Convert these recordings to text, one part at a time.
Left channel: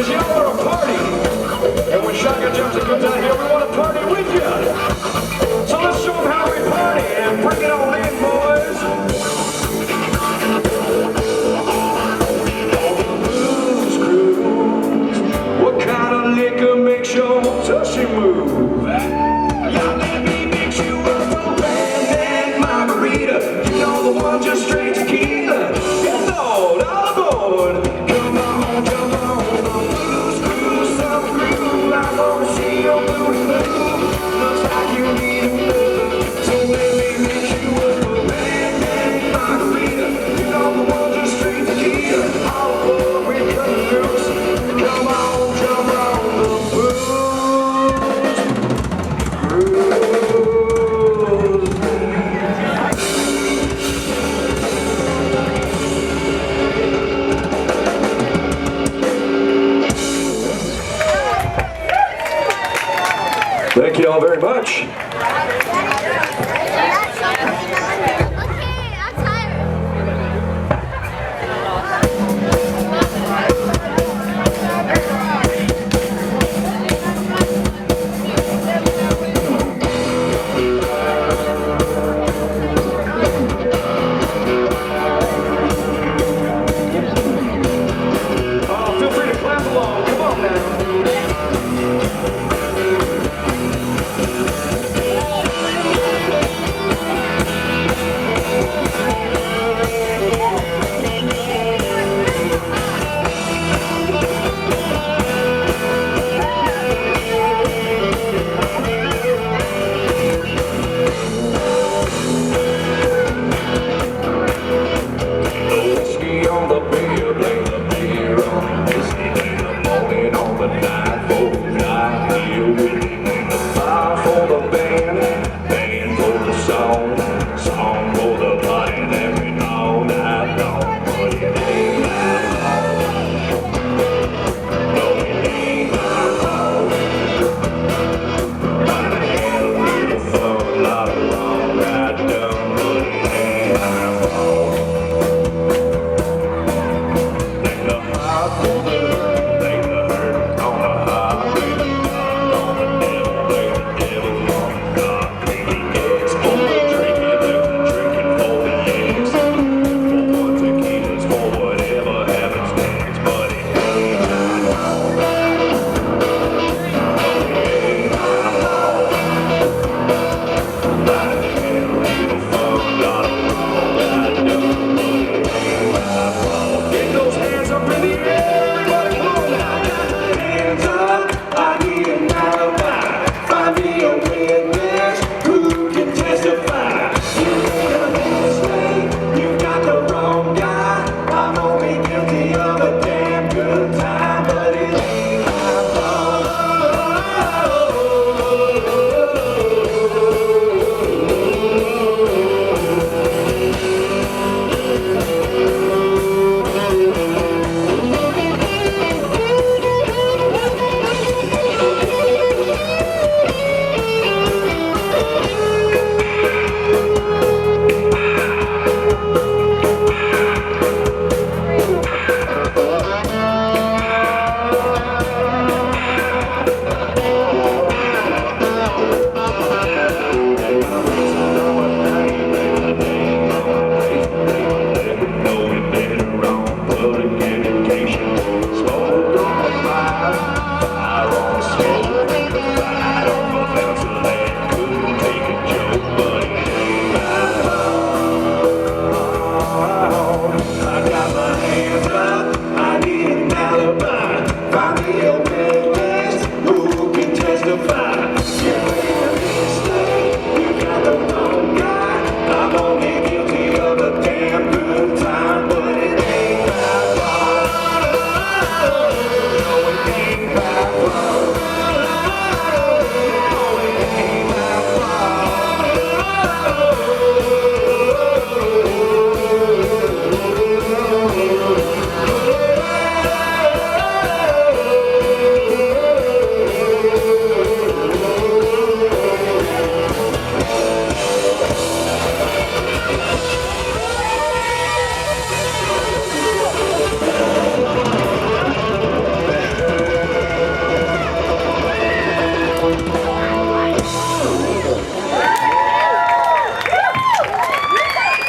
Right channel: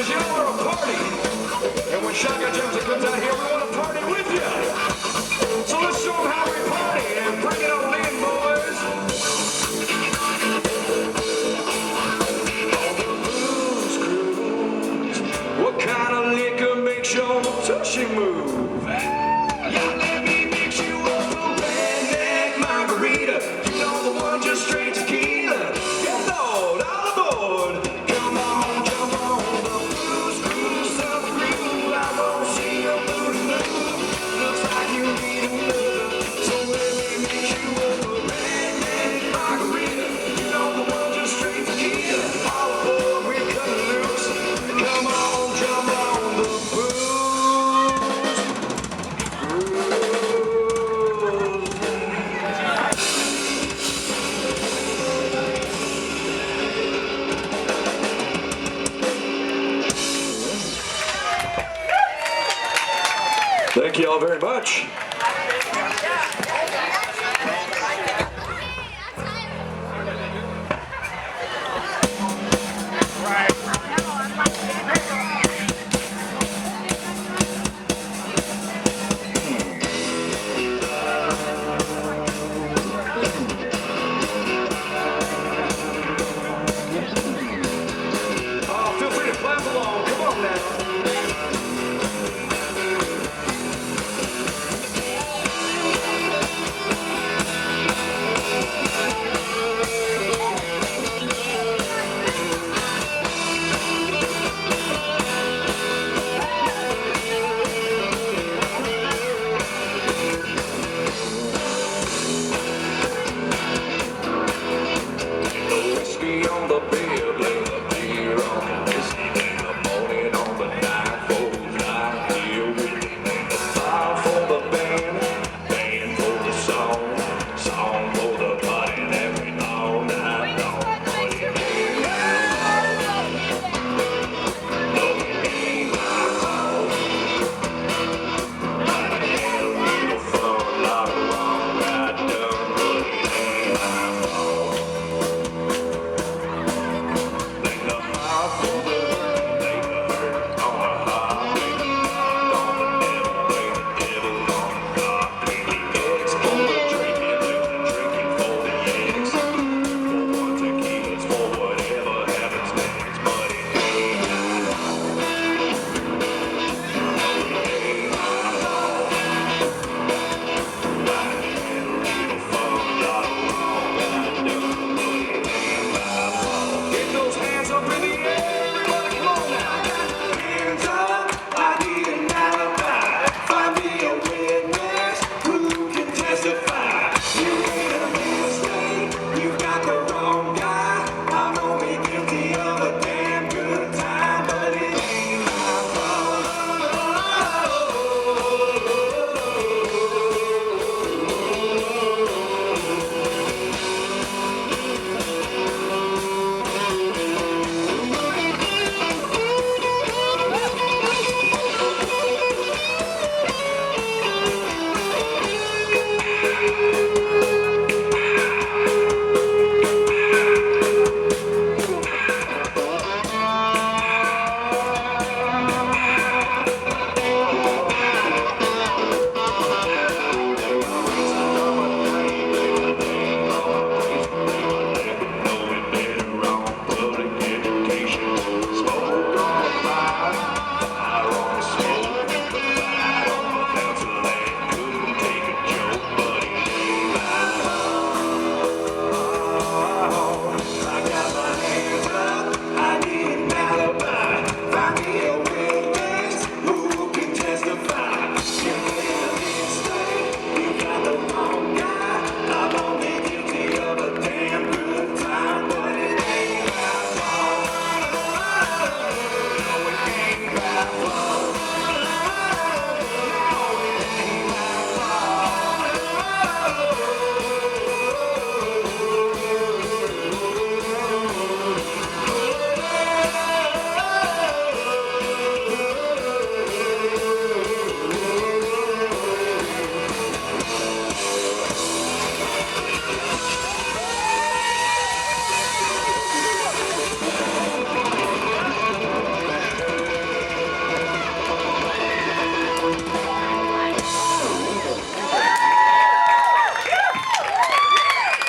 Because y'all are a party. And when Shotgun Jefferson comes out here, we want to party with you. So let's show them how we party and bring it on in, boys. All the blues cruise. What kind of liquor makes your tushy move? Y'all let me mix you up a brand margarita. You know the one just straight tequila. Get Lord all aboard. Come on, jump on the blues cruise, some groove. I wanna see your blues move. Looks like you need a move. So let me mix you up a brand margarita. You know the one just straight tequila. All aboard, we're cutting loose. Come on, jump on the blues. Thank you all very much. Feel free to clap along. Come on now.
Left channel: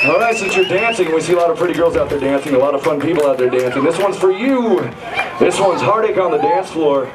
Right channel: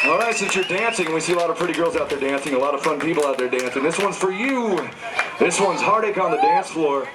All right, since you're dancing, we see a lot of pretty girls out there dancing, a lot of fun people out there dancing. This one's for you. This one's Heartache on the Dance Floor.